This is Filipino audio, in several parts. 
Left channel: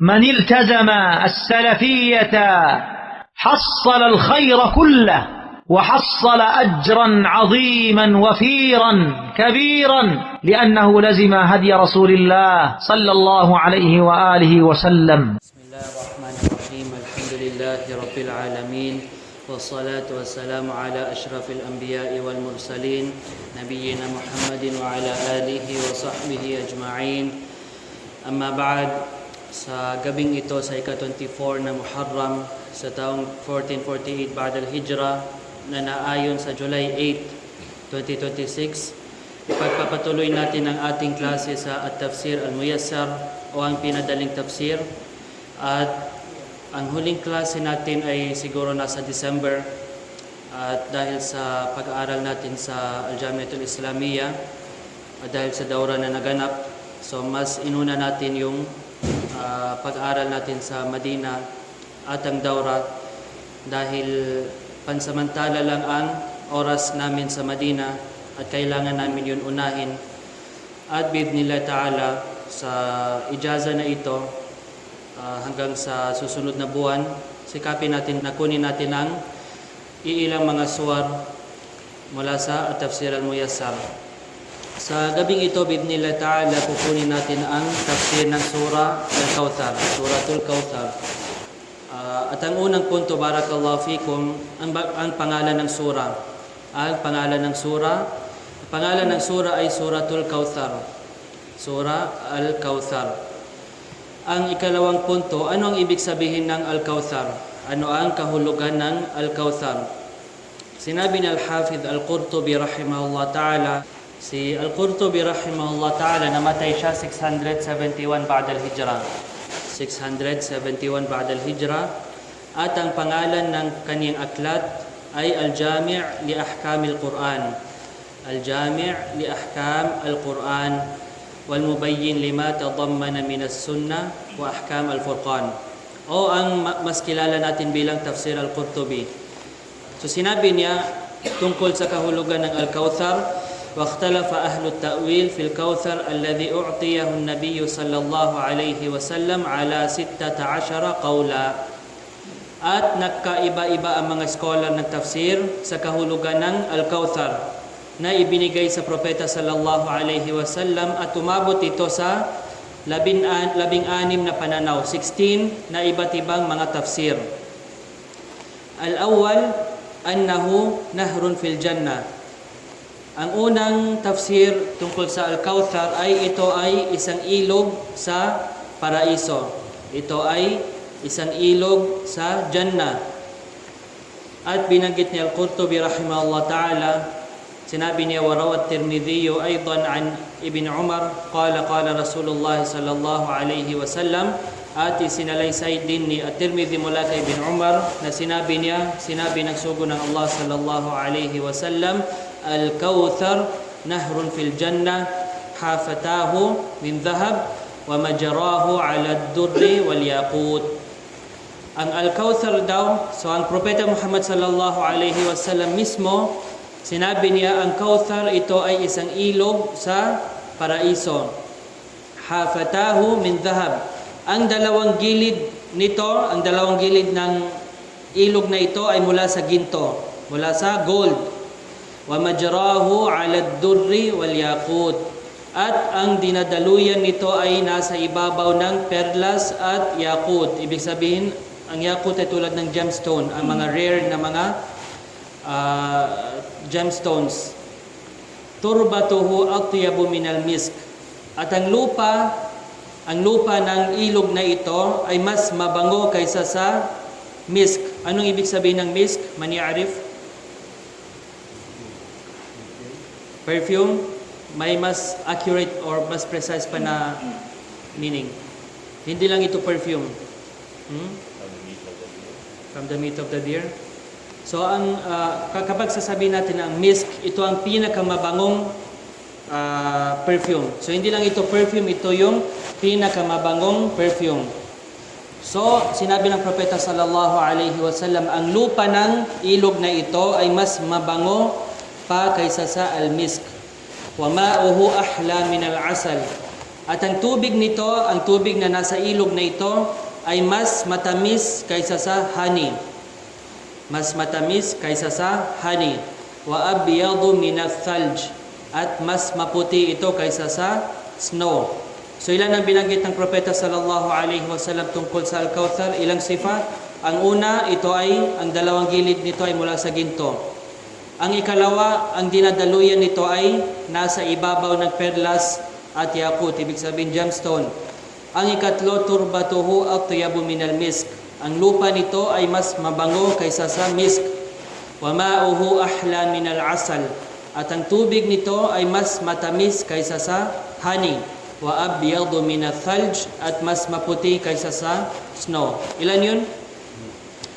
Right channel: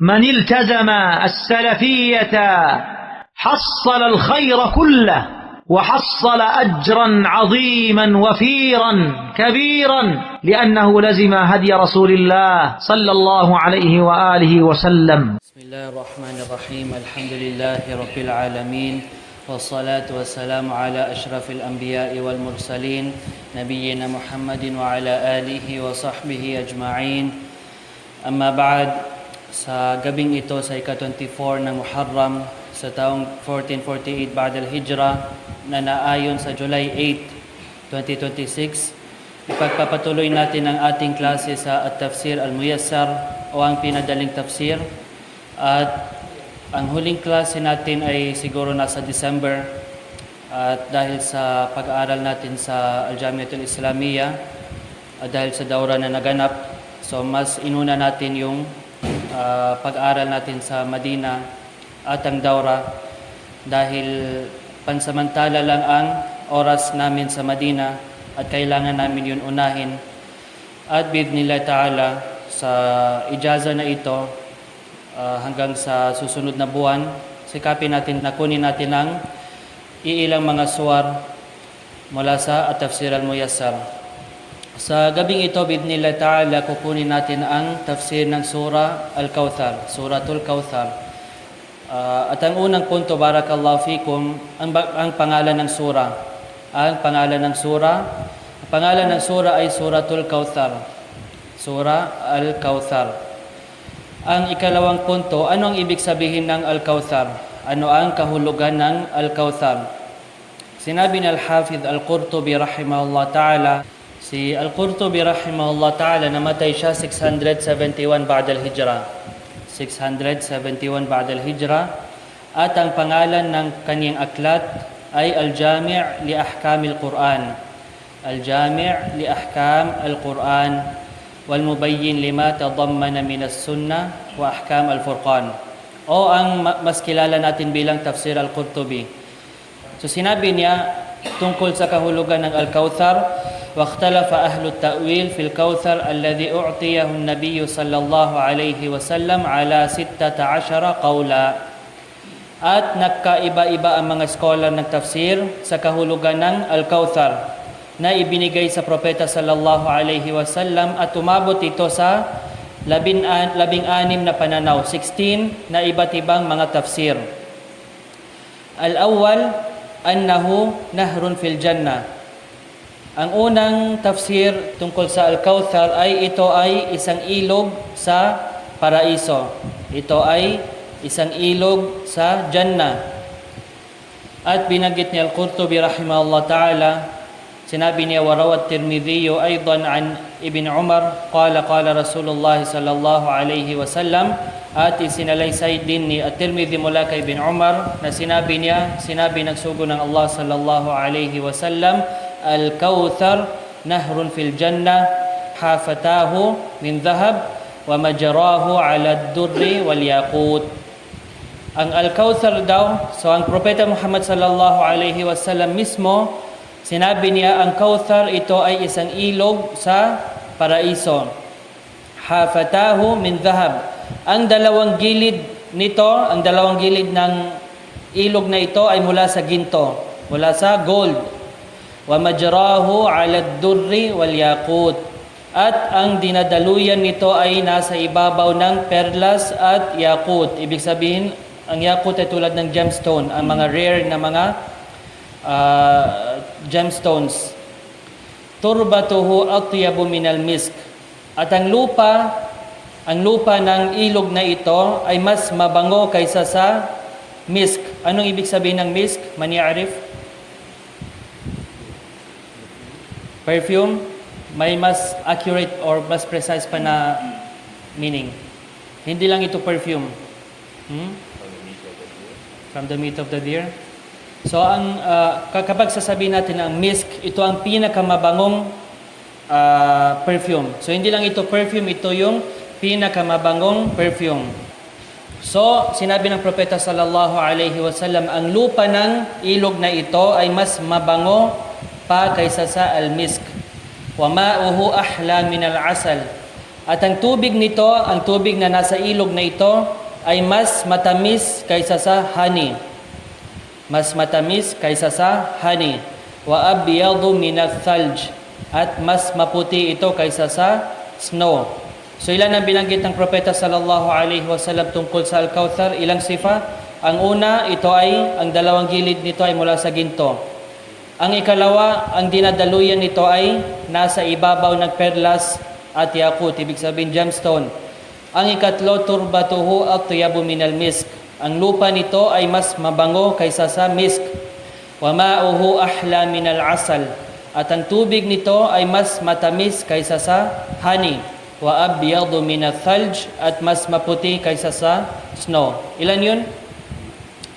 من التزم السلفية حصل الخير كله وحصل أجرا عظيما وفيرا كبيرا لأنه لزم هدي رسول الله صلى الله عليه وآله وسلم. بسم الله الرحمن الرحيم. الحمد لله رب العالمين والصلاة والسلام على أشرف الأنبياء والمرسلين نبينا محمد وعلى آله وصحبه أجمعين. أما بعد, sa gabing ito sa ika-24 ng Muharram sa taong 1448 Ba'd al-Hijra na naayon sa July 8, 2026, ipagpapatuloy natin ang ating klase sa At-Tafsir Al-Muyassar o ang pinadaling tafsir. At ang huling klase natin ay siguro nasa December, at dahil sa pag-aaral natin sa Al-Jamiatul Islamiyya at dahil sa dawra na naganap, so mas inuna natin yung pag-aaral natin sa Madina at ang dawra dahil pansamantala lang ang oras namin sa Madina at kailangan namin yun unahin. At bi'idhnillah ta'ala, sa ijaza na ito, hanggang sa susunod na buwan, sikapin natin na kunin natin ang iilang mga suwar mula sa At-Tafsir Al-Muyassar. Sa gabing ito, bi'idhnillah ta'ala, kukunin natin ang tafsir ng Surah Al-Kawthar, Suratul Kawthar. At ang unang punto, barakallahu fikum, ang pangalan ng surah. Ang pangalan ng surah ay Suratul Kawthar. Surah Al-Kawthar. Ang ikalawang punto, ano ang ibig sabihin ng Al-Kawthar? Ano ang kahulugan ng Al-Kawthar? Sinabi ni Al-Hafidh Al-Qurtubi rahimahullah ta'ala, si Al-Qurtubi rahimahullah ta'ala, namatay siya 671 Ba'd al-Hijra. 671 Ba'd al-Hijra. At ang pangalan ng kaniyang aklat ay Al-Jami' li Ahkam al-Quran. Al-Jami' li Ahkam al-Quran wal Mubayyin lima tadammana min as-Sunnah wa Ahkam al-Furqan. O ang mas kilala natin bilang Tafsir Al-Qurtubi. So sinabi niya tungkol sa kahulugan ng Al-Kawthar, واختلف أهل التأويل في الكوثر الذي أعطيه النبي صلى الله عليه وسلم على 16 قولا. At nagkaiba-iba ang mga scholar ng tafsir sa kahulugan ng Al-Kawthar na ibinigay sa propeta sallallahu alaihi wasallam, at umabot ito sa 16 na pananaw, 16 na iba't ibang mga tafsir. Al-awwal annahu nahrun fil jannah. Ang unang tafsir tungkol sa Al-Kawthar ay ito ay isang ilog sa paraiso. Ito ay isang ilog sa Jannah. At binanggit ni Al-Qurtubi rahimahullah ta'ala, sinabi niya, warawat Tirmidhi aydan an Ibn Umar qala Rasulullah sallallahu alayhi wasallam, at isinalaysay din ni At-Tirmidhi mula kay Ibn Umar na sinabi ng sugo ng Allah sallallahu alayhi wasallam, Al-Kawthar nahrun fil jannah hafatahu min dhahab wa majrahu ala ad-durri wal yaqut. Ang Al-Kawthar daw, so ang propeta Muhammad sallallahu alaihi wasallam mismo, sinabi niya ang Kawthar ito ay isang ilog sa paraiso. Hafatahu min dhahab. Ang dalawang gilid ng ilog na ito ay mula sa ginto, mula sa gold. Wa majrahu 'ala ad-durri wal yaqut. At ang dinadaluyan nito ay nasa ibabaw ng perlas at yaqut. Ibig sabihin, ang yaqut ay tulad ng gemstone, ang mga rare na mga gemstones. Turbatuhu atyabu minal misk. At ang lupa ng ilog na ito ay mas mabango kaysa sa misk. Anong ibig sabihin ng misk? Man ya'rif? Perfume, may mas accurate or mas precise pa na meaning. Hindi lang ito perfume. From the meat of the deer. So kapag sasabihin natin ang misk, ito ang pinakamabangong perfume. So hindi lang ito perfume, ito yung pinakamabangong perfume. So sinabi ng propeta sallallahu alaihi wasallam, ang lupa ng ilog na ito ay mas mabango pa kaysa sa al-misk. Wa ma'uhu ahla min al-asal. At ang tubig nito, ang tubig na nasa ilog na ito, ay mas matamis kaysa sa honey. Mas matamis kaysa sa honey. Wa abyadu minal thalj. At mas maputi ito kaysa sa snow. So ilan ang binanggit ng propeta sallallahu alaihi wasallam tungkol sa Al-Kauthar? Ilang sifa? Ang una, ito ay, ang dalawang gilid nito ay mula sa ginto. Ang ikalawa, ang dinadaluyan nito ay nasa ibabaw ng perlas at yakut, ibig sabihin gemstone. Ang ikatlo, turbatuhu at tuyabu minal misk. Ang lupa nito ay mas mabango kaysa sa misk. Wa ma'uhu ahla minal asal. At ang tubig nito ay mas matamis kaysa sa honey. Wa abyadu minal thalj, at mas maputi kaysa sa snow. Ilan yun?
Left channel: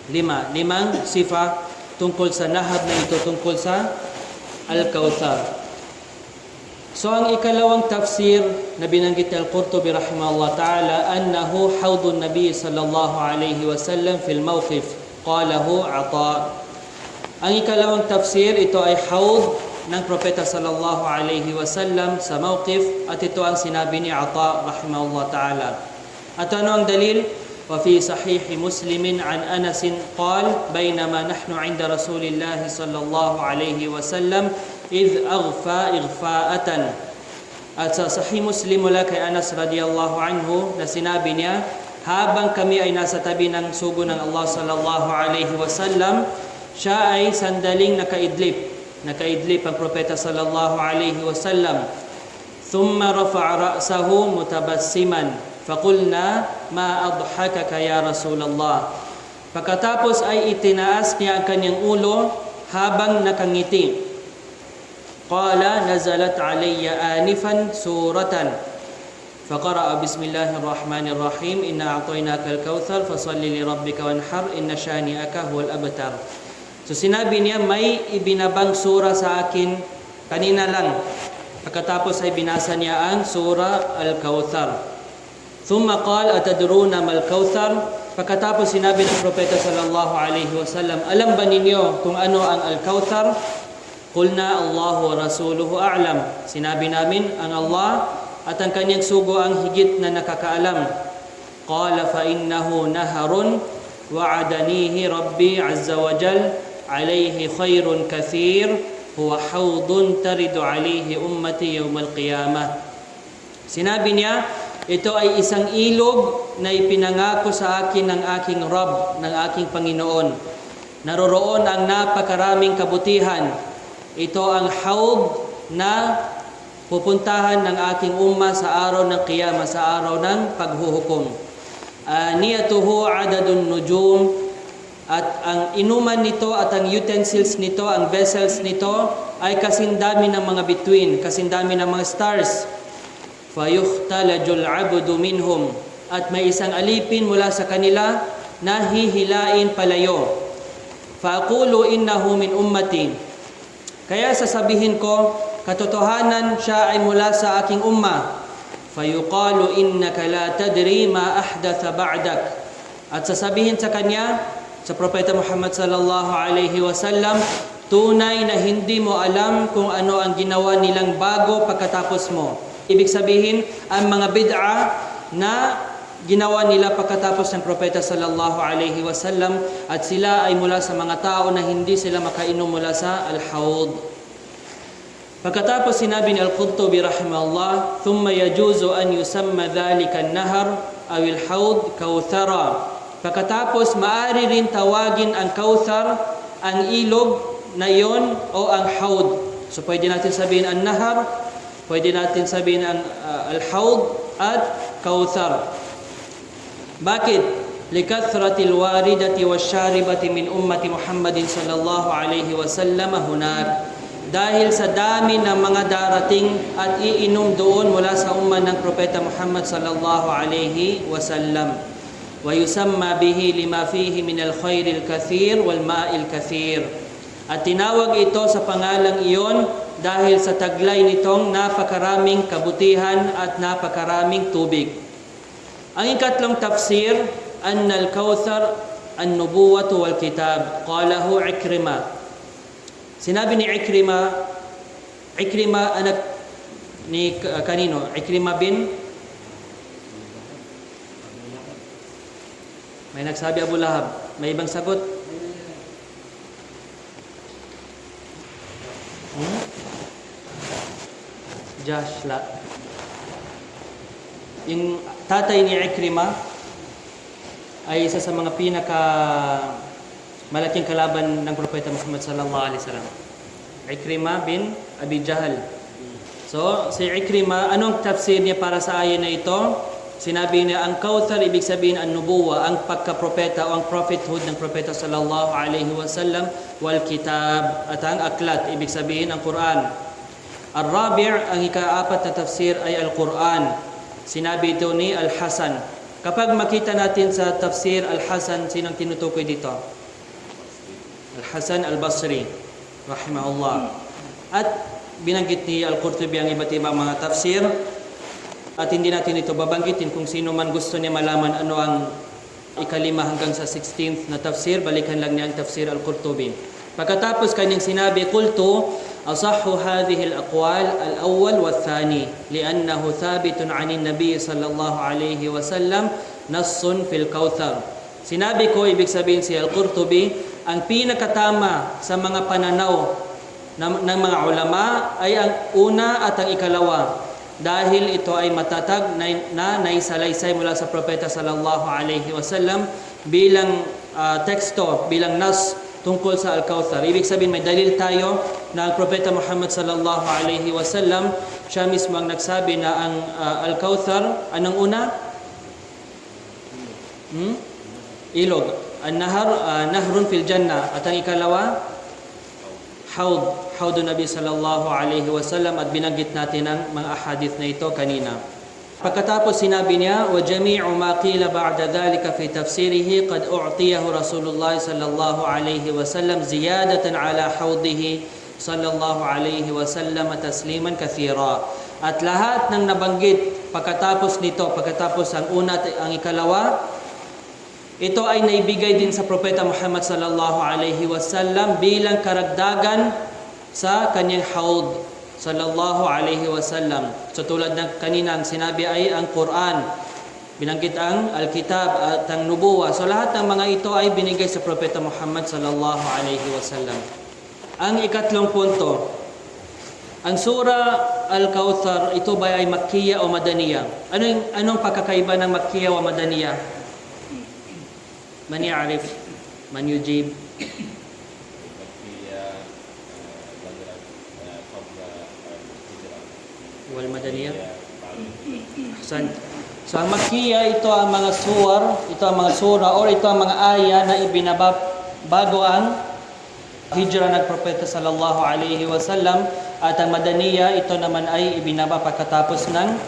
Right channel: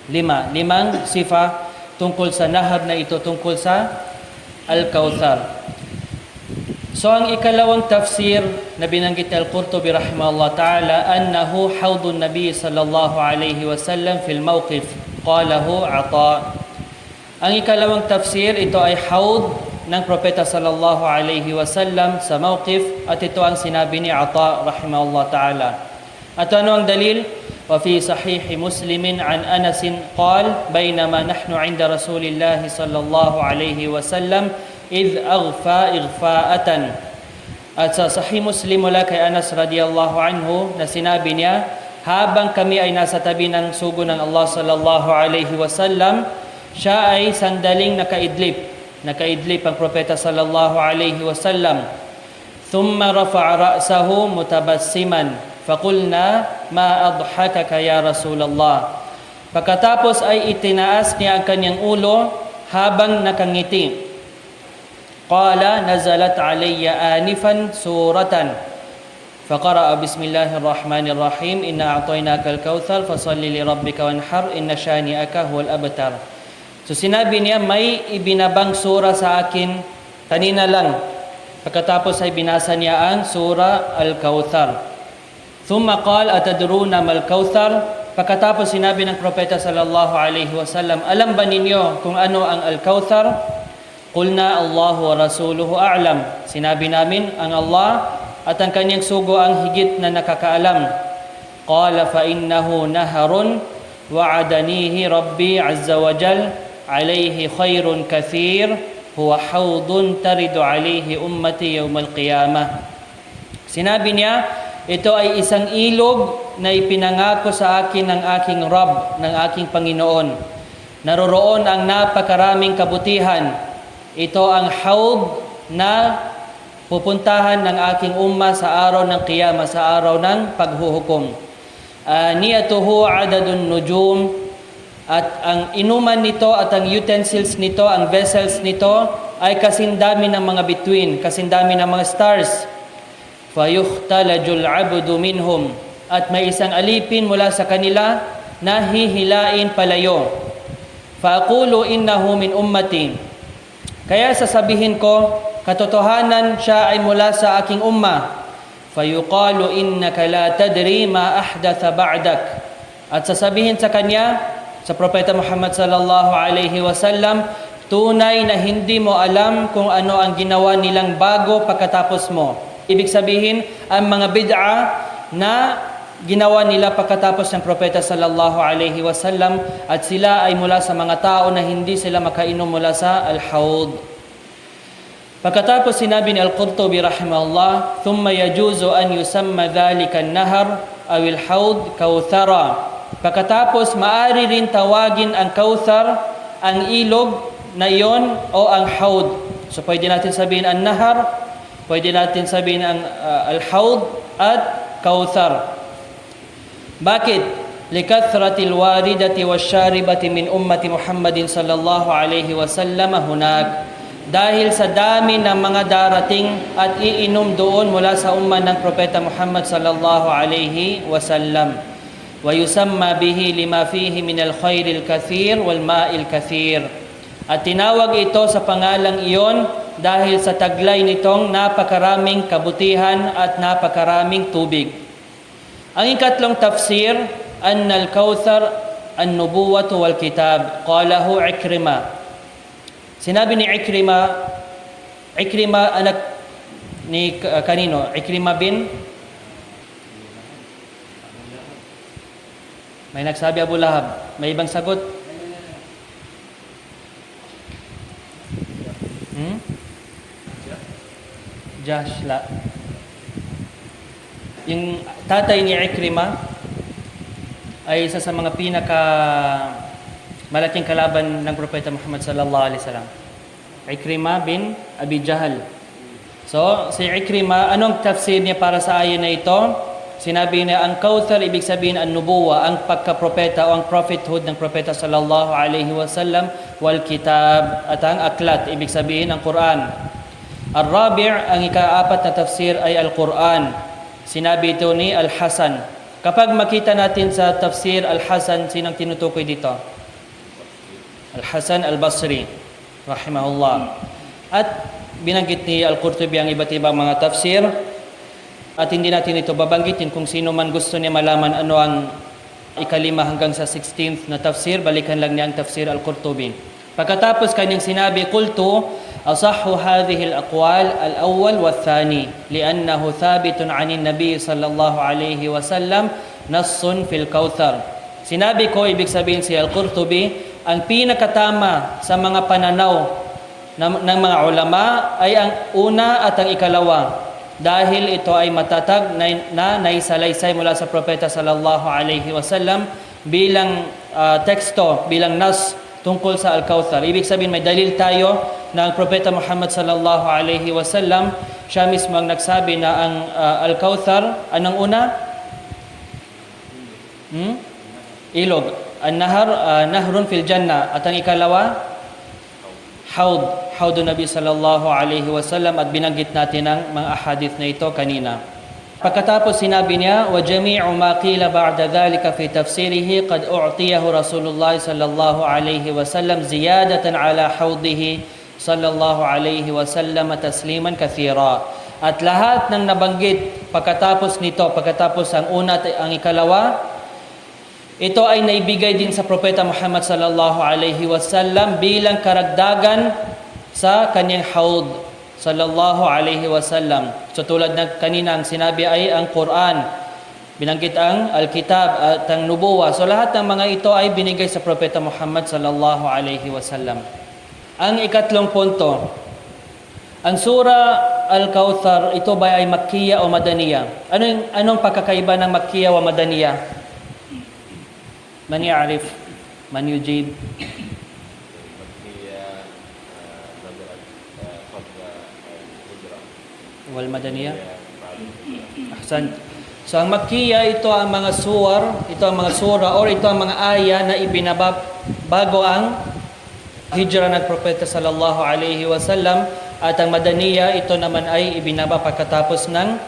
5. 5 sifa tungkol sa nahar na ito, tungkol sa Al-Kauthar. So ang ikalawang tafsir na binanggit ni Al-Qurtubi rahimahullah ta'ala, annahu hawdun Nabi sallallahu alayhi wasallam fil mawqif, qalahu Ata. Ang ikalawang tafsir, ito ay hawd ng propeta sallallahu alayhi wasallam sa mawqif, at ito ang sinabi ni Ata rahimahullah ta'ala. At ano ang dalil? وفي صحيح مسلم عن أنس قال بينما نحن عند رسول الله صلى الله عليه وسلم إذ أغفى إغفاءة. At sa Sahih Muslim mula kay Anas radiyallahu anhu na sinabi niya, habang kami ay nasa tabi ng sugo ng Allah sallallahu alaihi wasallam, siya ay sandaling nakaidlip ang propeta sallallahu alaihi wasallam. Thumma rafa'a ra'sahu mutabassiman. Faqulna ma adhakaka ya Rasulullah. Pagkatapos ay itinaas niya ang kanyang ulo habang nakangiti. Qala nazalat alayya anifan suratan. Faqara'a bismillahirrahmanirrahim. Inna a'tainaka al-kautsar fasalli li rabbika wanhar inna shani'aka huwal abtar. So sinabi niya, may ibinabang sura sa akin kanina lang. Pagkatapos ay binasa niya ang sura Al-Kautsar. Thumma qala atadruna mal kautsar. Pagkatapos sinabi ng propeta sallallahu alaihi wasallam, alam ba ninyo kung ano ang al-kautsar? Qulna Allahu wa rasuluhu a'lam. Sinabi namin, ang Allah at ang kanyang sugo ang higit na nakakaalam. Qala fa innahu naharun wa'adanihi rabbi azza wa jal alayhi khairun kathir huwa hawdun taridu alayhi ummati yawmal qiyamah. Sinabi niya, ito ay isang ilog na ipinangako sa akin ng aking Rabb, ng aking Panginoon. Naroroon ang napakaraming kabutihan. Ito ang hawd na pupuntahan ng aking umma sa araw ng Qiyamah, sa araw ng paghuhukom. Niyatuhu adadun nujum, at ang inuman nito at ang utensils nito, ang vessels nito ay kasindami ng mga bituin, kasindami ng mga stars. Fayuhtalajul abdu minhum, at may isang alipin mula sa kanila na hihilain palayo. Faaqulu innahu min ummati, kaya sasabihin ko, katotohanan siya ay mula sa aking umma. Fayuqalu innaka la tadri ma ahdatha ba'dak, at sasabihin sa kanya, sa propeta Muhammad sallallahu alaihi wasallam, tunay na hindi mo alam kung ano ang ginawa nilang bago pagkatapos mo. Ibig sabihin, ang mga bid'a na ginawa nila pagkatapos ng propeta sallallahu alaihi wasallam, at sila ay mula sa mga tao na hindi sila makainom mula sa al-hawd. Pagkatapos sinabi ni Al-Qurtubi rahimahullah, thumma yajuzu an yusamma dhalika an-nahar aw al-hawd kauthara. Pagkatapos maari rin tawagin ang kauthar, ang ilog na iyon, o ang hawd. So pwede natin sabihin ang nahar, pwede natin sabihin ang al-hawd at kauthar. Bakit? Likathratil waridati wasyaribati min ummati Muhammadin sallallahu alaihi wasallam hunak. Dahil sa dami ng mga darating at iinom doon mula sa umma ng propeta Muhammad sallallahu alaihi wasallam. Wa yusamma bihi lima fihi min al-khairil kathir wal ma'il kathir. At tinawag ito sa pangalang iyon dahil sa taglay nitong napakaraming kabutihan at napakaraming tubig. Ang ikatlong tafsir, anna al-kauthar an-nubuwatu wal kitab. Qalahu Ikrima. Sinabi ni Ikrima anak ni kanino? Ikrima bin May nagsabi Abu Lahab. May ibang sagot? Josh, la. Yung tatay ni Ikrima ay isa sa mga malaking kalaban ng Propeta Muhammad sallallahu alaihi wasallam. Ikrima bin Abi Jahl. So, si Ikrima, anong tafsir niya para sa ayan na ito? Sinabi niya, ang Kauthar, ibig sabihin ang nubuwa, ang pagka-propeta o ang prophethood ng Propeta sallallahu alaihi wasallam, wal kitab, at ang aklat, ibig sabihin ang Quran. Al-Rabi', ang ika-apat na tafsir ay Al-Quran. Sinabi ito ni Al-Hasan. Kapag makita natin sa tafsir Al-Hasan, sinong tinutukoy dito? Al-Hasan Al-Basri, rahimahullah. At binanggit ni Al-Qurtubi ang iba't ibang mga tafsir. At hindi natin ito babanggitin kung sino man gusto niya malaman ano ang ikalima hanggang sa 16th na tafsir, balikan lang niya ang tafsir Al-Qurtubi. Pagkatapos kanyang sinabi, Qultu, asahhu hadhihi al-aqwal al-awwal wa-thani li'annahu thabitun 'ani an-nabi sallallahu alayhi wa sallam nassun fil Kauthar. Sinabi ko, ibig sabihin si Al-Qurtubi, ang pinakatama sa mga pananaw ng mga ulama ay ang una at ang ikalawa, dahil ito ay matatag na naisalaysay mula sa Propeta sallallahu alaihi wasallam bilang teksto, bilang nas tungkol sa Al-Kauthar. Ibig sabihin may dalil tayo na ang Propeta Muhammad sallallahu alaihi wasallam siya mismo ang nagsabi na ang Al-Kauthar, anong una? Ilog. An-nahar, nahrun fil jannah. At ang ikalawa? Hawdun Nabi sallallahu alaihi wasallam, at binanggit natin ang mga ahadith na ito kanina. Pagkatapos sinabi niya, wa jami'u ma qila ba'da dhalika fi tafsirihi qad u'tiyahu Rasulullah sallallahu alaihi wasallam ziyadatan ala hawdihi sallallahu alaihi wasallam tasliman kathira. At lahat ng nabanggit pagkatapos nito, pagkatapos ang una at ang ikalawa, ito ay naibigay din sa Propeta Muhammad sallallahu alaihi wasallam bilang karagdagan sa kanyang hawd sallallahu alaihi wasallam. So tulad ng kanina ang sinabi ay ang Quran, binanggit ang Al-Kitab at ang Nubuwa. So lahat ng mga ito ay binigay sa Propeta Muhammad sallallahu alaihi wasallam. Ang ikatlong punto, ang Sura Al-Kauthar, ito ba ay Makkiya o Madaniya? Anong pagkakaiba ng Makkiya o Madaniya? Man ya'rif, man yujib. Wal Madaniyah. Ahsan. So ang Makkiya, ito ang mga sura or ito ang mga aya na bago ang hijra ng Propeta sallallahu alaihi wasallam, at ang Madaniyah, ito naman ay ibinaba pagkatapos ng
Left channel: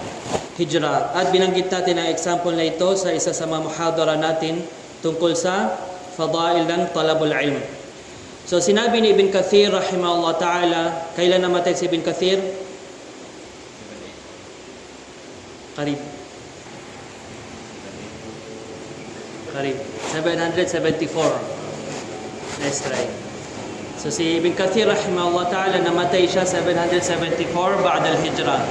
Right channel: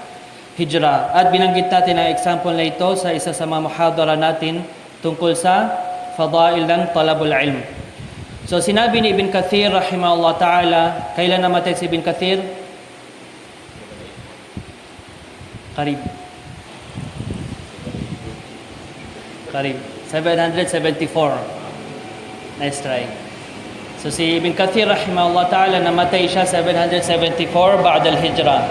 hijra. At binanggit natin ang example na ito sa isa sa mga muhadara natin tungkol sa fadail ng talabul ilm. So sinabi ni Ibn Kathir rahimahullah ta'ala, kailan namatay si Ibn Kathir? Karib 774. Let's try. So si Ibn Kathir rahimahullah ta'ala namatay siya 774 ba'da al-hijra.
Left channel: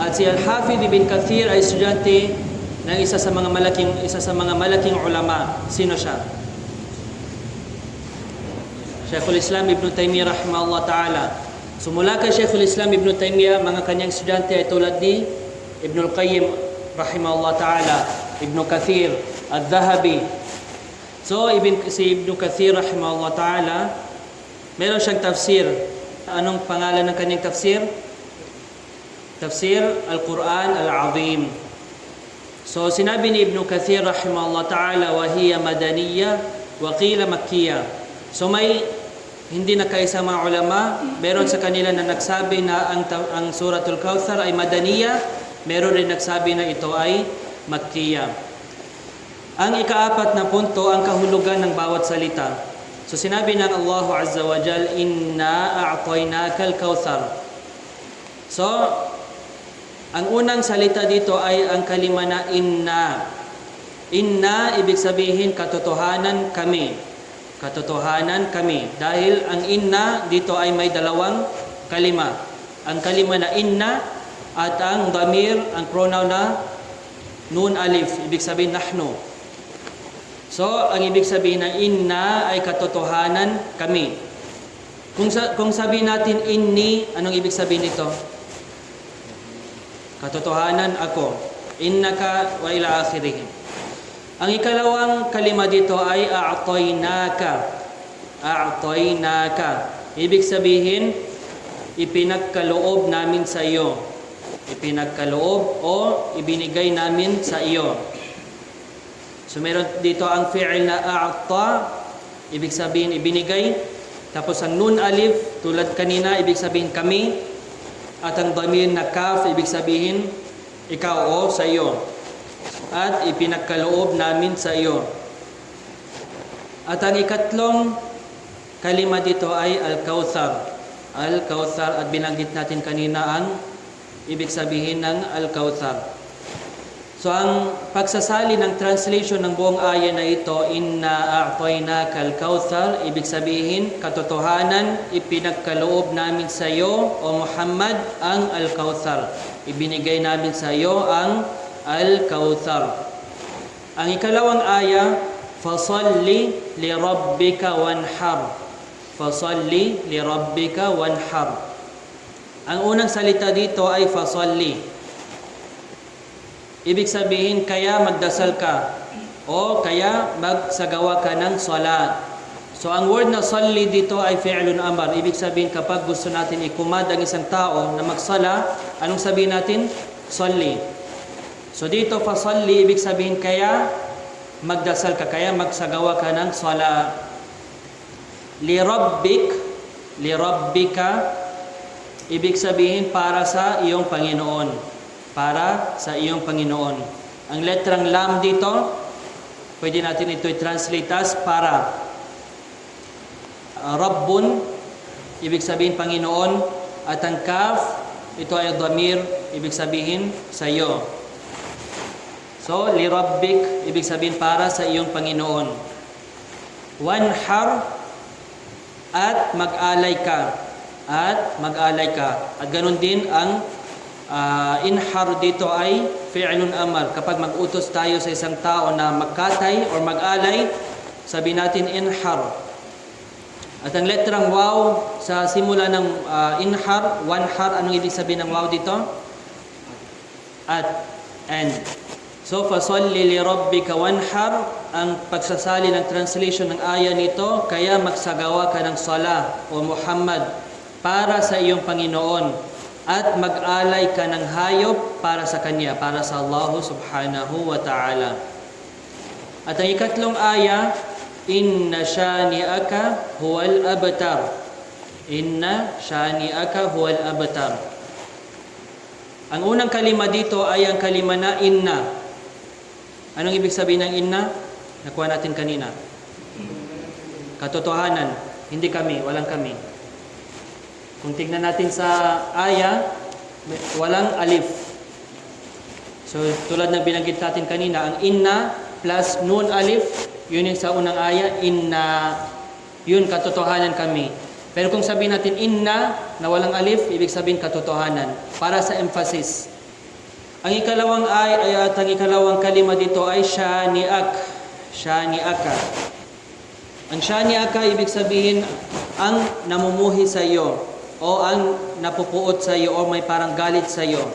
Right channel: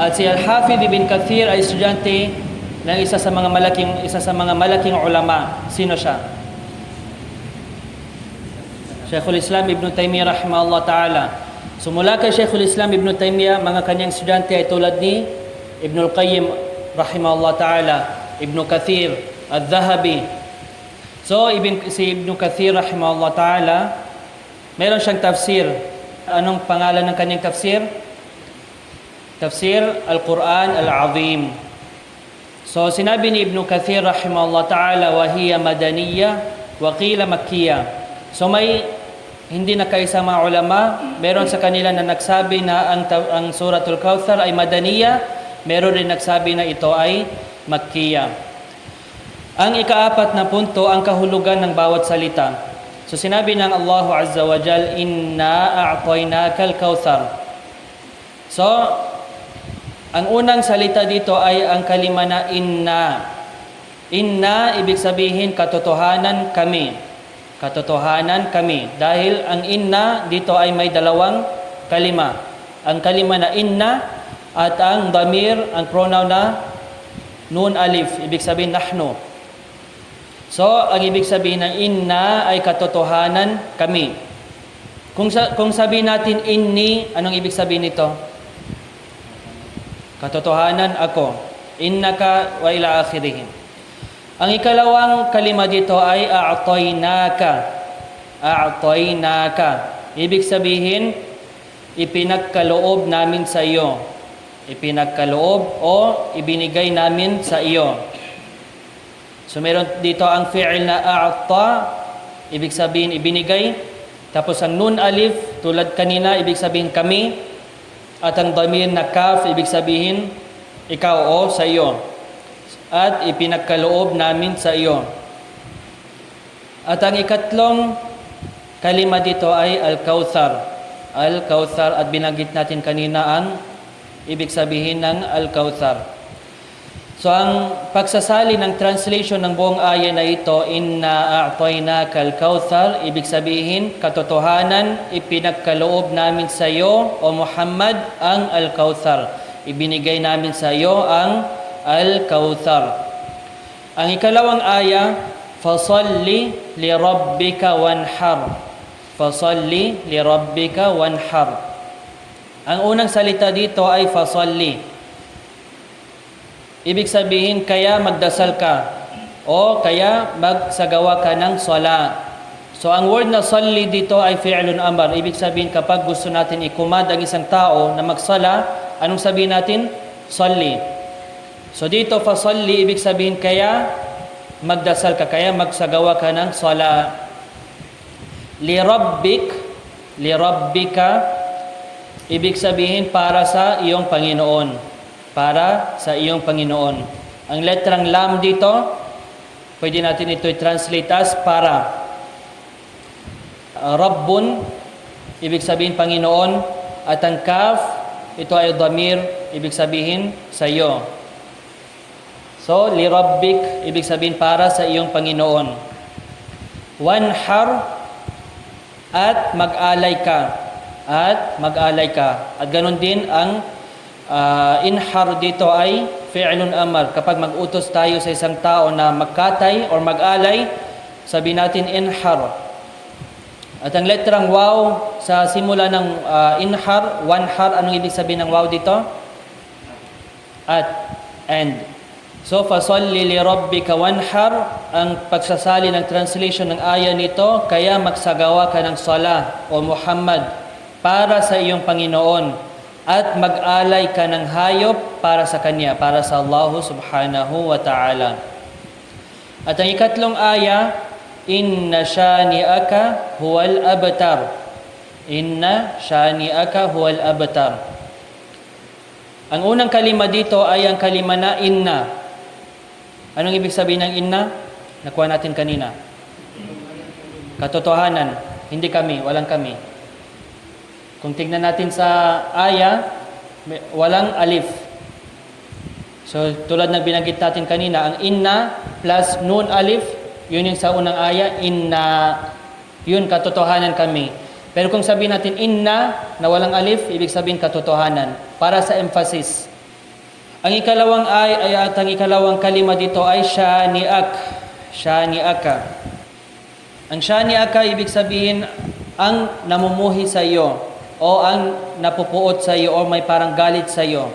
At si Al-Hafidh Ibn Kathir ay estudyante ng isa sa mga malaking ulama. Sino siya? Shaykhul Islam Ibn Taymiyyah rahimahullah ta'ala. So mula kay Shaykhul Islam Ibn Taymiyyah, mga kanyang estudyante ay tulad ni Ibn al-Qayyim rahimahullah ta'ala, Ibn Kathir, Al-Dhahabi. So si Ibn Kathir rahimahullah ta'ala, meron siyang tafsir. Anong pangalan ng kanyang tafsir? Tafsir Al-Quran Al-Azim. So sinabi ni Ibn Kathir rahimahullah ta'ala, wa hiya madaniyya wa qila makkiyya. So may hindi nakaisa mga ulama, meron sa kanila na nagsabi na ang Suratul Kauthar ay madaniyya, meron rin nagsabi na ito ay makkiyya. Ang ikaapat na punto, ang kahulugan ng bawat salita. So sinabi ng Allah Azza wa Jal, inna a'tainaka al-Kauthar. So ang unang salita dito ay ang kalima na inna. Inna, ibig sabihin katotohanan kami. Katotohanan kami. Dahil ang inna dito ay may dalawang kalima. Ang kalima na inna at ang damir, ang pronoun na nun alif, ibig sabihin nahnu. So, ang ibig sabihin ng inna ay katotohanan kami. Kung sabihin natin inni, anong ibig sabihin nito? Katotohanan ako. Innaka wa ila akhirih. Ang ikalawang kalima dito ay a'tainaka. A'tainaka. Ibig sabihin, ipinagkaloob namin sa iyo. Ipinagkaloob o ibinigay namin sa iyo. So meron dito ang fi'il na a'ta, ibig sabihin ibinigay. Tapos ang nun alif, tulad kanina, ibig sabihin kami. At ang damir na kaf, ibig sabihin ikaw o sa iyo. At ipinagkaloob namin sa iyo. At ang ikatlong kalima dito ay Al-Kauthar. Al-Kauthar, at binanggit natin kanina ang ibig sabihin ng Al-Kauthar. So ang pagsasali ng translation ng buong aya na ito, inna a'tainaka al-kauthar, ibig sabihin katotohanan, ipinagkaloob namin sa iyo o Muhammad ang al-kauthar. Ibinigay namin sa iyo ang al-kauthar. Ang ikalawang aya, fasalli li rabbika wanhar. Fasalli li rabbika wanhar. Ang unang salita dito ay fasalli. Ibig sabihin, kaya magdasal ka o kaya magsagawa ka ng sala. So ang word na salli dito ay fi'lun amar. Ibig sabihin, kapag gusto natin ikumand ang isang tao na magsala, anong sabihin natin? Salli. So dito, fasalli, ibig sabihin, kaya magdasal ka, kaya magsagawa ka ng sala. Lirabbika, ibig sabihin, para sa iyong Panginoon. Para sa iyong Panginoon. Ang letrang lam dito, pwede natin ito i-translate as para. Rabbun, ibig sabihin Panginoon. At ang kaf, ito ay damir, ibig sabihin sa iyo. So, lirabbik, ibig sabihin para sa iyong Panginoon. Wanhar, at mag-alay ka. At mag-alay ka. At ganun din ang inhar dito ay fi'lun amar. Kapag mag-utos tayo sa isang tao na magkatay or mag-alay, sabi natin inhar. At ang letrang waw sa simula ng inhar, wanhar, anong ibig sabihin ng waw dito? At, and. So, fasalli li rabbika wanhar, ang pagsasali ng translation ng aya nito, kaya magsagawa ka ng sala o Muhammad para sa iyong Panginoon. At mag-alay ka ng hayop para sa Kanya, para sa Allah subhanahu wa ta'ala. At ang ikatlong aya, inna shani'aka huwal abtar. Inna shani'aka huwal abtar. Ang unang kalima dito ay ang kalima na inna. Anong ibig sabihin ng inna? Nakuha natin kanina. Katotohanan. Hindi kami, walang kami. Kung tignan natin sa aya, walang alif. So, tulad na binanggit natin kanina, ang inna plus nun alif, yun yung sa unang aya, inna, yun katotohanan kami. Pero kung sabihin natin inna, na walang alif, ibig sabihin katotohanan, para sa emphasis. Ang ikalawang aya at ang ikalawang kalima dito ay shani'ak, shani'aka. Ang shani'aka, ibig sabihin, ang namumuhi sa iyo, o ang napupuot sa iyo o may parang galit sa iyo.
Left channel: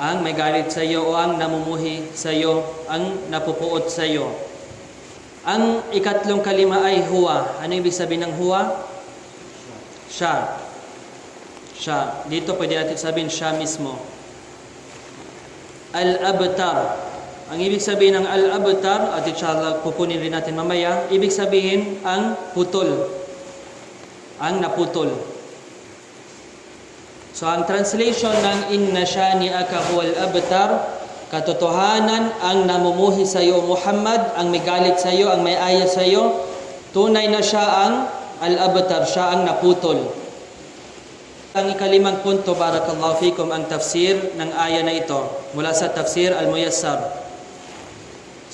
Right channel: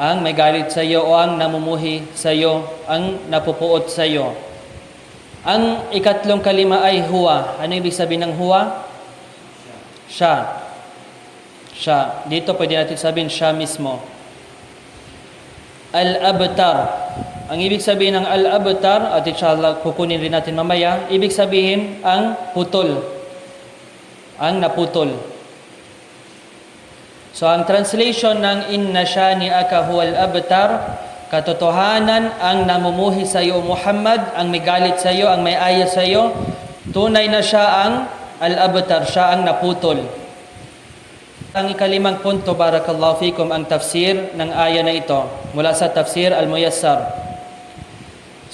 Ang may galit sa iyo o ang namumuhi sa iyo, ang napupuot sa iyo. Ang ikatlong kalima ay huwa. Ano ibig sabihin ng huwa? Siya. Siya. Dito pwede natin sabihin siya mismo. Al-abtar. Ang ibig sabihin ng al-abtar, at inshallah kukunin rin natin mamaya, ibig sabihin ang putol. Ang naputol. So ang translation ng inna shani'aka huwal abtar, katotohanan ang namumuhi sa iyo Muhammad, ang may galit sa iyo, ang may aya sa iyo, tunay na siya ang al-abtar, siya ang naputol. Ang ikalimang punto, barakallahu fikum, ang tafsir ng aya na ito mula sa tafsir al-Muyassar.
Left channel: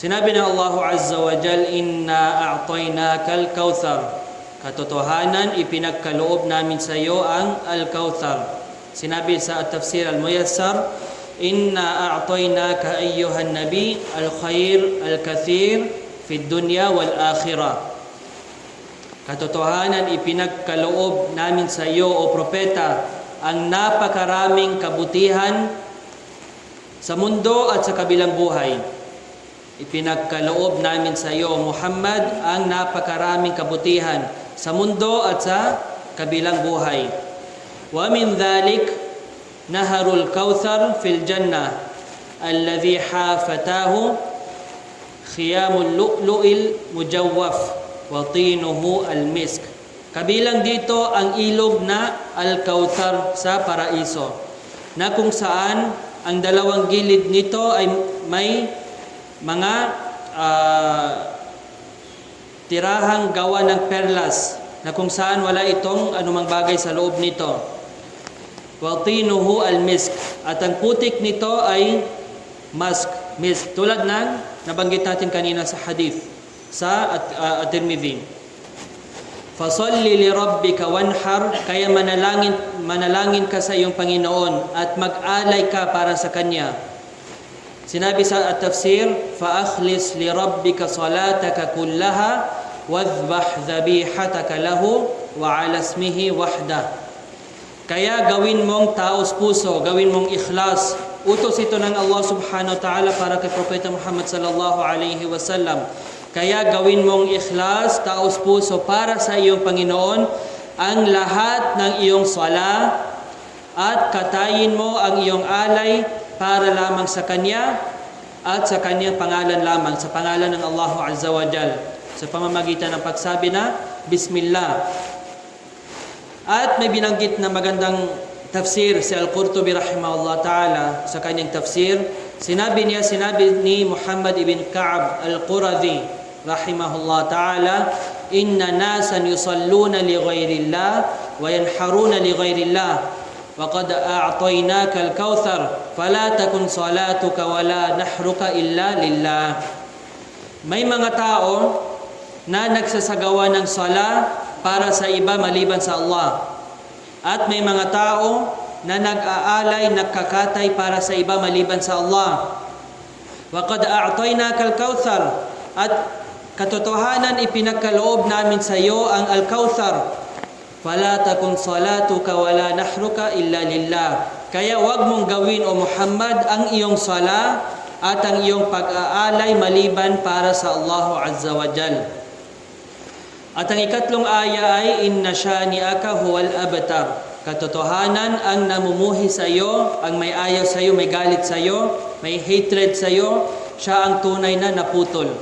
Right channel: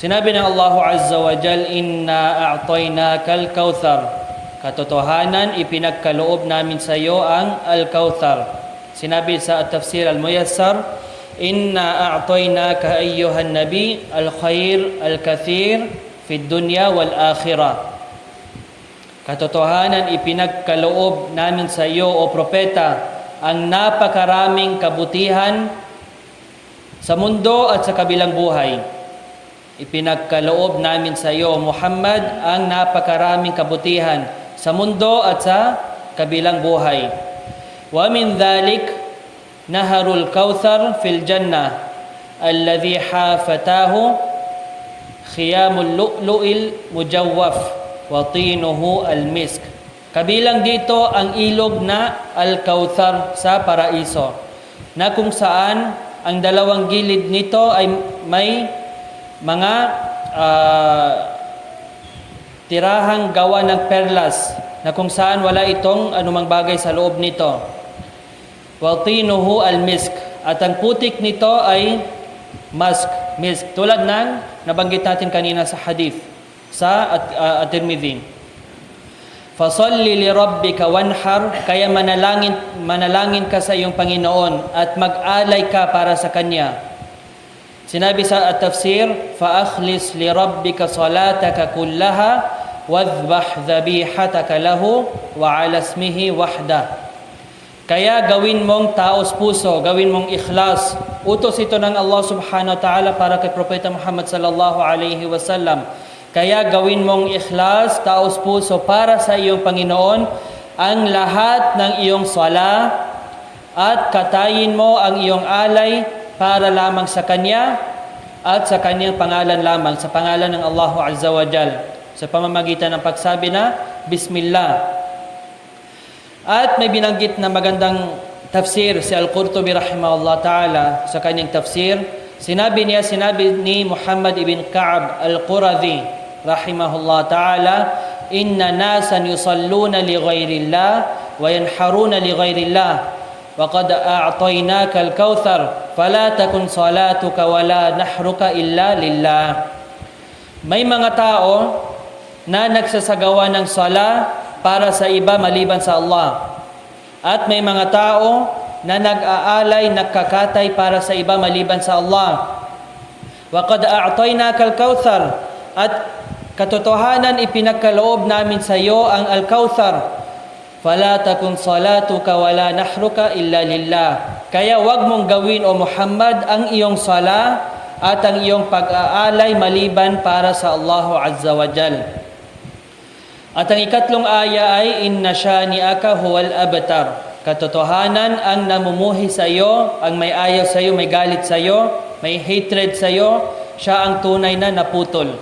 Sinabi ng Allah Azza wa Jal, inna a'tainaka al-kauthar. Katotohanan, ipinagkaloob namin sa iyo ang Al-Kauthar. Sinabi sa Tafsir Al-Muyassar, Inna a'tainaka ayyuhan nabi al-khair al-kathir fi dunya wal akhirah. Katotohanan, ipinagkaloob namin sa iyo, o propeta, ang napakaraming kabutihan sa mundo at sa kabilang buhay. Ipinagkaloob namin sa iyo, Muhammad, ang napakaraming kabutihan sa mundo at sa kabilang buhay. Wa min dhalik naharul kautsar fil jannah alladhi hafatahu khiyamul lu'lu'il mujawwaf wa tinuhu al-misk. Kabilang dito ang ilog na Al-Kautsar sa paraiso, na kung saan ang dalawang gilid nito ay may mga tirahang gawa ng perlas, na kung saan wala itong anumang bagay sa loob nito. Wa tinuhu al-misk, at ang putik nito ay misk, tulad ng nabanggit natin kanina sa hadith sa At-Tirmidhi. Fasalli li rabbika wanhar, kaya manalangin ka sa iyong Panginoon at mag-alay ka para sa Kanya. Sinabi sa at-tafsir, fa akhlis li rabbika salataka kullaha wadhbah dhabihataka lahu wa ala ismihi wahda. Kaya gawin mong taos puso, gawin mong ikhlas. Utos ito ng Allah subhanahu wa ta'ala para kay Propeta Muhammad sallallahu alaihi wasallam. Kaya gawin mong ikhlas, taos puso para sa iyong Panginoon ang lahat ng iyong sala, at katayin mo ang iyong alay para lamang sa Kanya at sa Kanyang pangalan lamang, sa pangalan ng Allah Azza wa Jal, sa pamamagitan ng pagsabi na Bismillah. At may binanggit na magandang tafsir si Al-Qurtubi rahimahullah ta'ala sa kanyang tafsir. Sinabi ni Muhammad ibn Ka'ab Al-Quradhi rahimahullah ta'ala, inna nasan yusalluna li ghairillah wa yanharuna li ghairillah wa qad a'tainaka al-kautsar fala takun salatuka wala nahruka illa lillah. May mga tao na nagsasagawa ng sala para sa iba maliban sa Allah, at may mga tao na nag-aalay, nagkakatay para sa iba maliban sa Allah. Wa qad a'tainaka al-kautsar, at katotohanan ipinagkaloob namin sa iyo ang Al-Kautsar. Fala takun salatuka wala nahruka illa lillah. Kaya wag mong gawin, o Muhammad, ang iyong sala at ang iyong pag-aalay maliban para sa Allah Azza wa Jal. At ang ikatlong aya ay inna shani'aka huwal abtar. Katotohanan ang namumuhi sa iyo, ang may ayaw sa iyo, may galit sa iyo, may hatred sa iyo, siya ang tunay na naputol.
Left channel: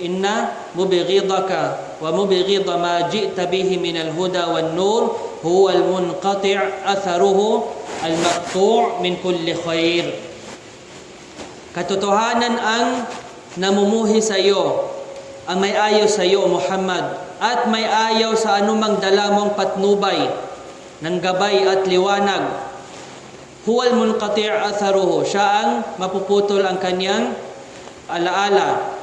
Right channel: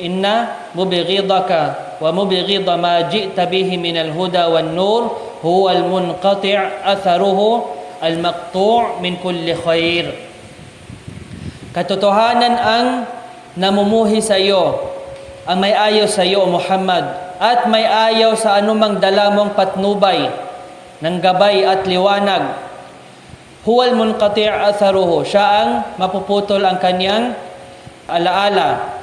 Inna mubghidaka wa mubghida ma ji'ta bihi min al-huda wan-nur huwa al-munqati' atharuhu al-maqtu' min kulli khair. Katotohanan ang namumuhi sa iyo, ang may ayaw sa iyo, Muhammad, at may ayaw sa anumang dala mong patnubay ng gabay at liwanag. Huwa al-munqati' atharuhu, siya ang mapuputol ang kanyang alaala.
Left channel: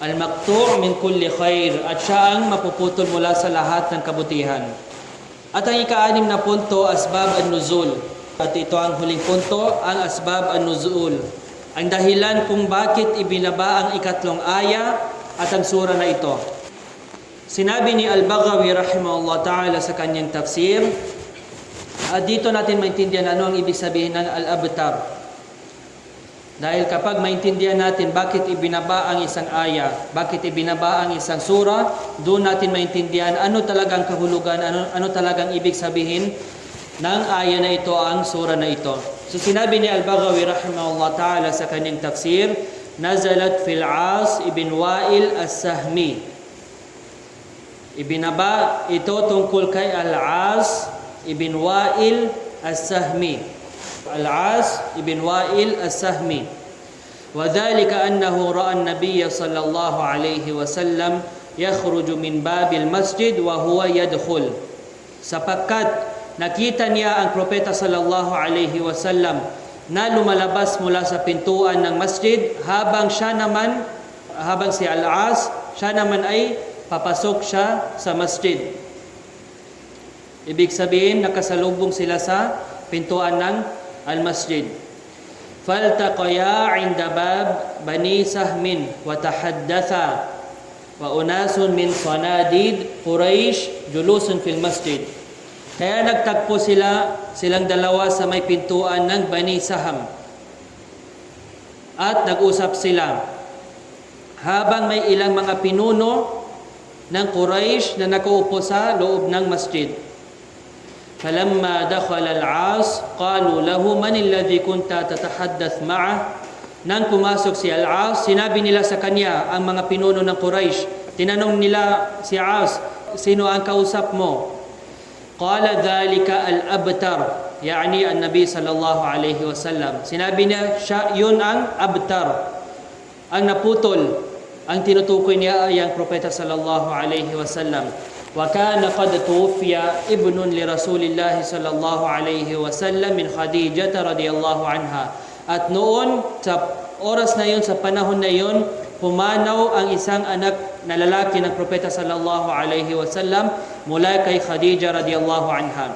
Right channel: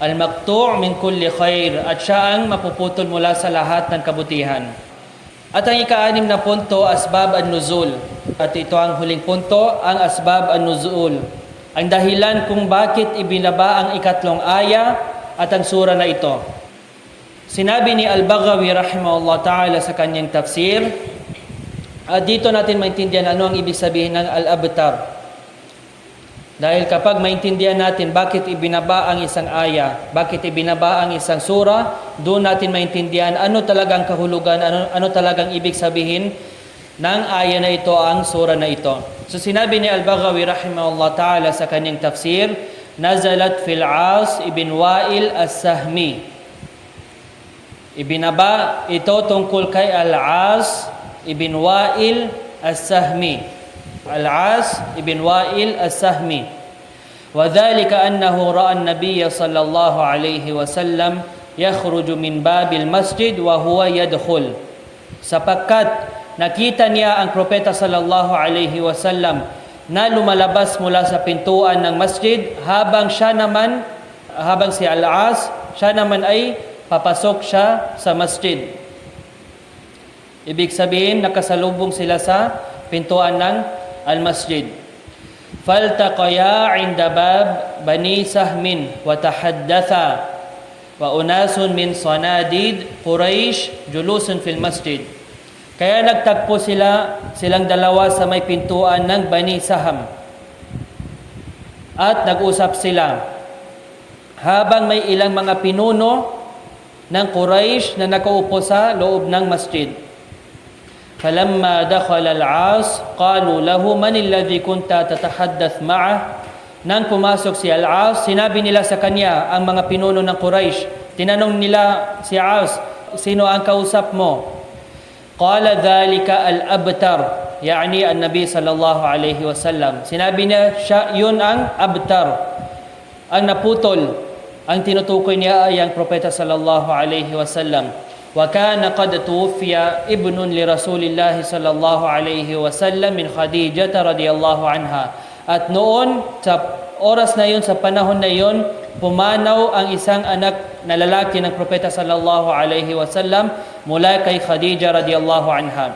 Al-maqtu' min kulli khair, at siya ang mapuputol mula sa lahat ng kabutihan. At ang ika-6 na punto, asbab an-nuzul. At ito ang huling punto, ang asbab an-nuzul. Ang dahilan kung bakit ibinaba ang ikatlong aya at ang sura na ito. Sinabi ni Al-Baghawi rahimahullah ta'ala sa kanyang tafsir, at dito natin maintindihan ano ang ibig sabihin ng al-abtar. Dahil kapag maintindihan natin bakit ibinaba ang isang aya, bakit ibinaba ang isang sura, doon natin maintindihan ano talagang kahulugan, ano talagang ibig sabihin ng aya na ito, ang sura na ito. So sinabi ni Al-Baghawi rahimahullah ta'ala sa kanyang tafsir, nazalat fil As ibn Wa'il as-Sahmi. Ibinaba ito tungkol kay Al-As ibn Wa'il as-Sahmi. Al-As ibn Wa'il as-Sahmi. Wa dhalika annahu ra'a an-nabiy sallallahu alayhi wa sallam yakhruju min babil masjid wa huwa yadkhul. Sapagkat nakita niya ang propeta sallallahu alayhi wa sallam na lumalabas mula sa pintuan ng masjid, habang si Al-As, siya naman ay papasok siya sa masjid. Ibig sabihin, nakasalubong sila sa pintuan ng al-masjid. فالتقيا عند باب بني سهم وتحدثا وأناس من صناديد قريش جلوس في المسجد. Kaya nagtagpo silang dalawa sa may pintuan ng Bani Saham at nag-usap sila habang may ilang mga pinuno ng Quraysh na nakaupo sa loob ng masjid. فلما دخل العاص قالوا له من الذي كنت تتحدث معه. Nang pumasok si Al-As, sinabi nila sa kanya ang mga pinuno ng Quraysh. Tinanong nila si As, sino ang kausap mo? قال ذلك الأبتر يعني النبي صلى الله عليه وسلم. Sinabi niya, siya yun ang abtar, ang naputol. Ang tinutukoy niya ay ang propeta sallallahu alaihi wasallam. وكان قد توفي ابن لرسول الله صلى الله عليه وسلم من خديجة رضي الله عنها. At noon sa oras na yun, sa panahon na yun, pumanaw ang isang anak na lalaki ng propeta sallallahu alaihi wasallam mula kay Khadija radiyallahu anha.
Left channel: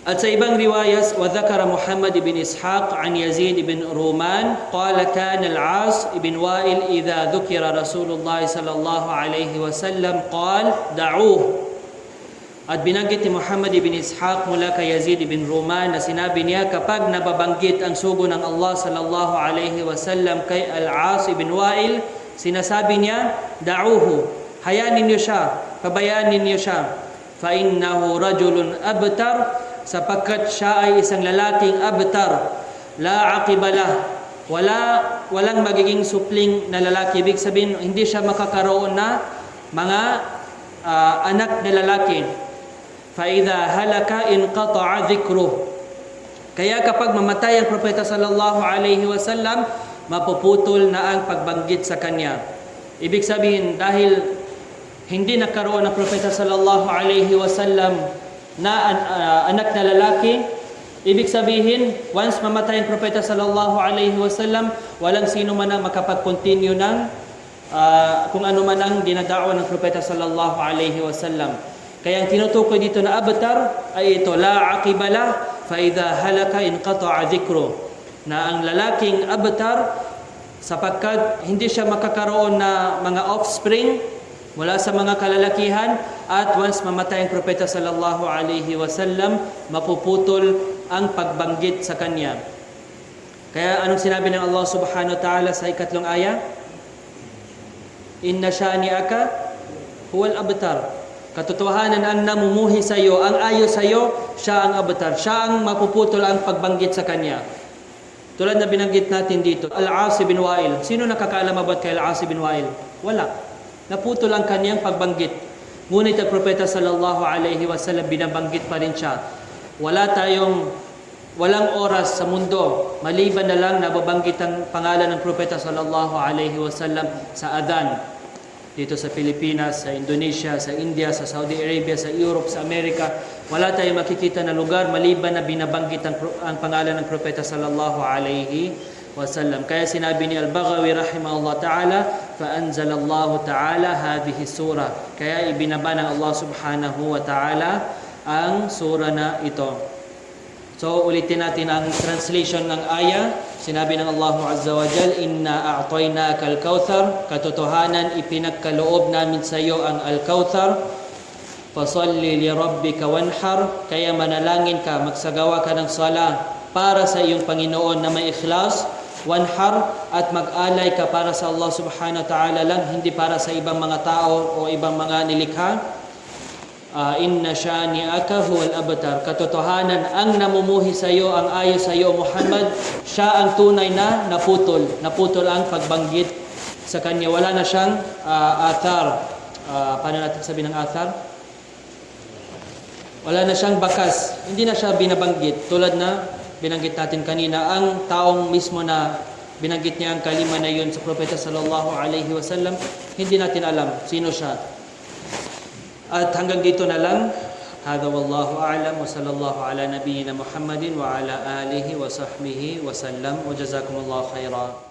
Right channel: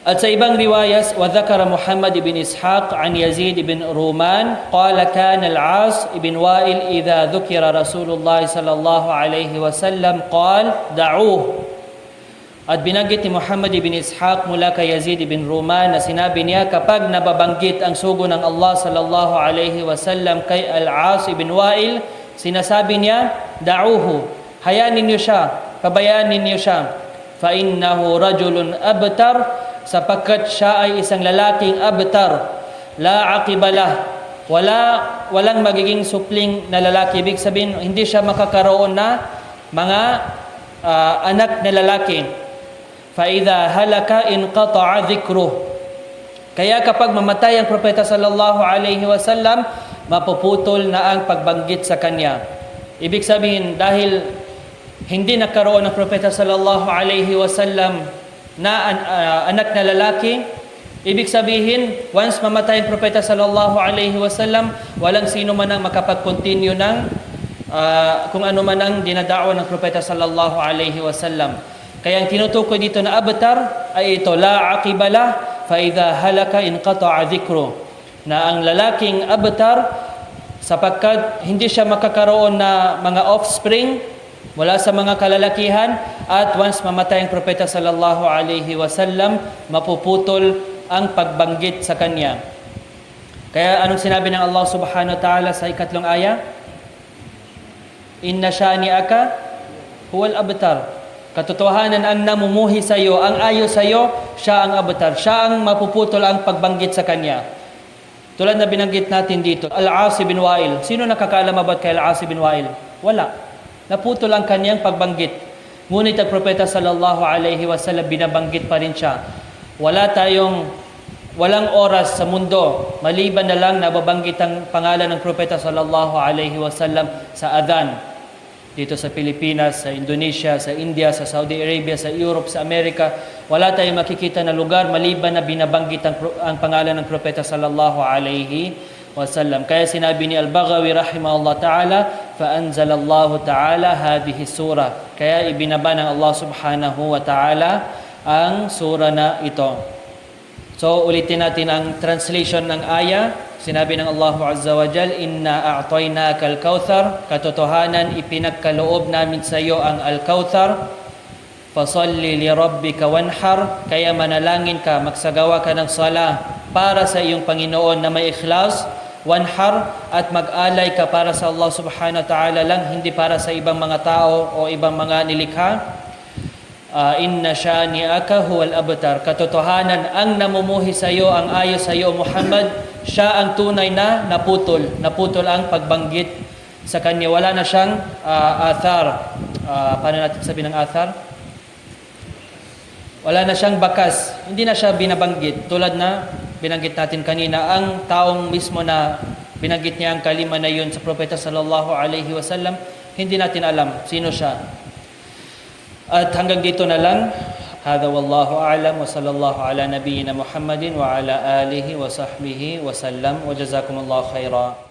At sa ibang riwayas, وذكر محمد بن إسحاق عن يزيد بن رومان قال كان العاص بن وائل إذا ذكر رسول الله صلى الله عليه وسلم قال دعوه. At binanggit ni Muhammad ibn Ishaq mula kay Yazid ibn Ruman na sinabi niya, kapag nababanggit ang sugo ng Allah sallallahu alaihi wasallam kay Al-As ibn Wa'il, sinasabi niya, da'uhu, hayaan ninyo siya, pabayaan ninyo siya. Fa innahu rajulun abtar, sapagkat siya ay isang lalaking abtar, la aqibalah, walang magiging supling na lalaki. Ibig sabihin, hindi siya makakaroon na mga anak na lalaki. فَإِذَا هَلَكَ إِنْقَطَعَ ذِكْرُهُ. Kaya kapag mamatay ang propeta sallallahu alaihi wasallam, mapuputol na ang pagbanggit sa kanya. Ibig sabihin, dahil hindi nagkaroon ng propeta sallallahu alaihi wasallam na anak na lalaki, ibig sabihin, once mamatay ang propeta sallallahu alaihi wasallam, walang sino man ang makapag-continue ng kung ano man ang dinadao ng propeta sallallahu alaihi wasallam. Kaya ang tinutukoy dito na abtar ay ito, la aqibala fa idha halaka inqata'a dhikru, na ang lalaking abtar sapagkat hindi siya makakaroon na mga offspring mula sa mga kalalakihan, at once mamatay ang propeta sallallahu alaihi wasallam, mapuputol ang pagbanggit sa kanya. Kaya anong sinabi ng Allah subhanahu wa ta'ala sa ikatlong aya? Inna shani'aka huwal abtar. Katotohanan ang namumuhi sa iyo, ang ayo sa iyo, siya ang abtar. Siya ang mapuputol ang pagbanggit sa kanya. Tulad na binanggit natin dito, Al-As bin Wa'il. Sino nakakaalam about kay Al-As bin Wa'il? Wala. Naputol ang kanyang pagbanggit. Ngunit ang propeta sallallahu alaihi wasallam binabanggit pa rin siya. Walang oras sa mundo maliban na lang nababanggit ang pangalan ng propeta sallallahu alaihi wasallam sa adhan. Dito sa Pilipinas, sa Indonesia, sa India, sa Saudi Arabia, sa Europe, sa Amerika, wala tayong makikita na lugar maliban na binabanggit ang pangalan ng propeta sallallahu alaihi wasallam. Kaya sinabi ni Al-Baghawi rahimahullah ta'ala, فَأَنْزَلَ اللَّهُ تَعَالَى هَذِهِ السُّورَةِ. Kaya ibinaba ng Allah subhanahu wa ta'ala ang sura na ito. So ulitin natin ang translation ng aya. Sinabi ng Allah Azza wa Jal, Inna a'tainaka al-Kauthar. Katotohanan, ipinagkaloob namin sa iyo ang al-Kauthar. Fasalli li rabbika wanhar. Kaya manalangin ka, magsagawa ka ng sala para sa iyong Panginoon na may ikhlas. Wanhar, at mag-alay ka para sa Allah subhanahu wa ta'ala lang, hindi para sa ibang mga tao o ibang mga nilikha. Inna shani'aka huwal abtar. Katotohanan, ang namumuhi sa iyo, ang ayo sa iyo Muhammad, siya ang tunay na naputol ang pagbanggit sa kanya. Wala na siyang athar. Paano natin sabihin ng athar? Wala na siyang bakas. Hindi na siya binabanggit. Tulad na binanggit natin kanina, ang taong mismo na binanggit niya ang kalima na yun sa propeta sallallahu alaihi wasallam, hindi natin alam sino siya. At hanggang dito na lang. Hada wallahu a'lam wa sallallahu ala nabiyyina Muhammadin wa ala alihi wa sahbihi wa sallam wa jazakumullahu khaira.